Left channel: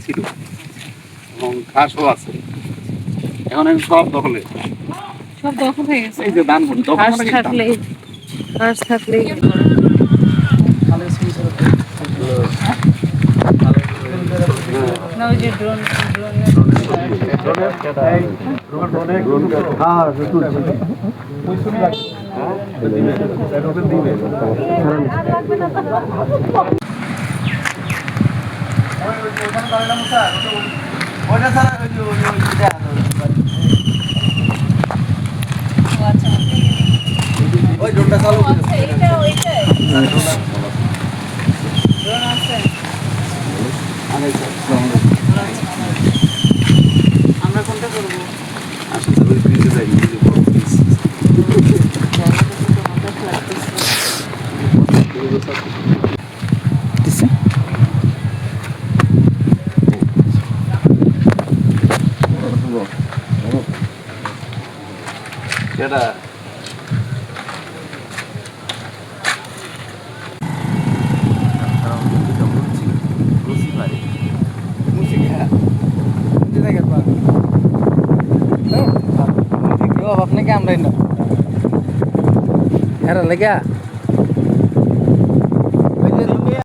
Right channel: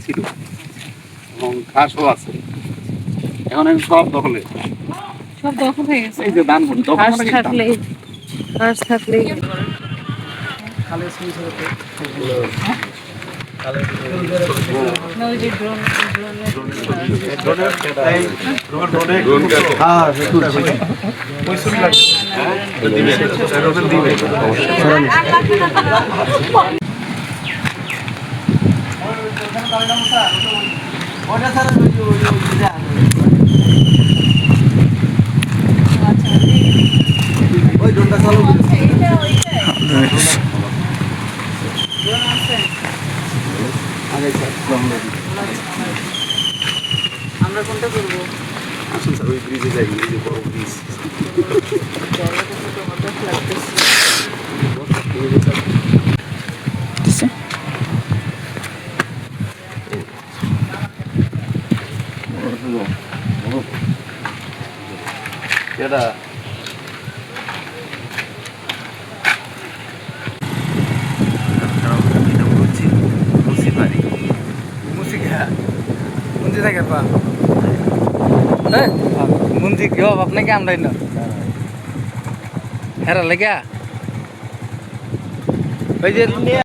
ছিল এবং ঘাসও আছে। এখন আমি সব দখলে, সব দখল হয়ে গেছে। এই যে ধান দখল ঘাস মানে কি ধান? থাকলে ঘাস থাকলে না, ওই যে ড্রোন ওই ড্রোনটা চালু করে আমরা কোনটা করবো? আসুন স্যার, ওই ব্রিজে যাই, ব্রিজে বড় ব্রিজ। জায়গাটা তো তোমাদের লাগতেছে। কেডা? মুন্দি কেউ আপনাকে আমরাই না হ্যাঁ লেগা ওই যে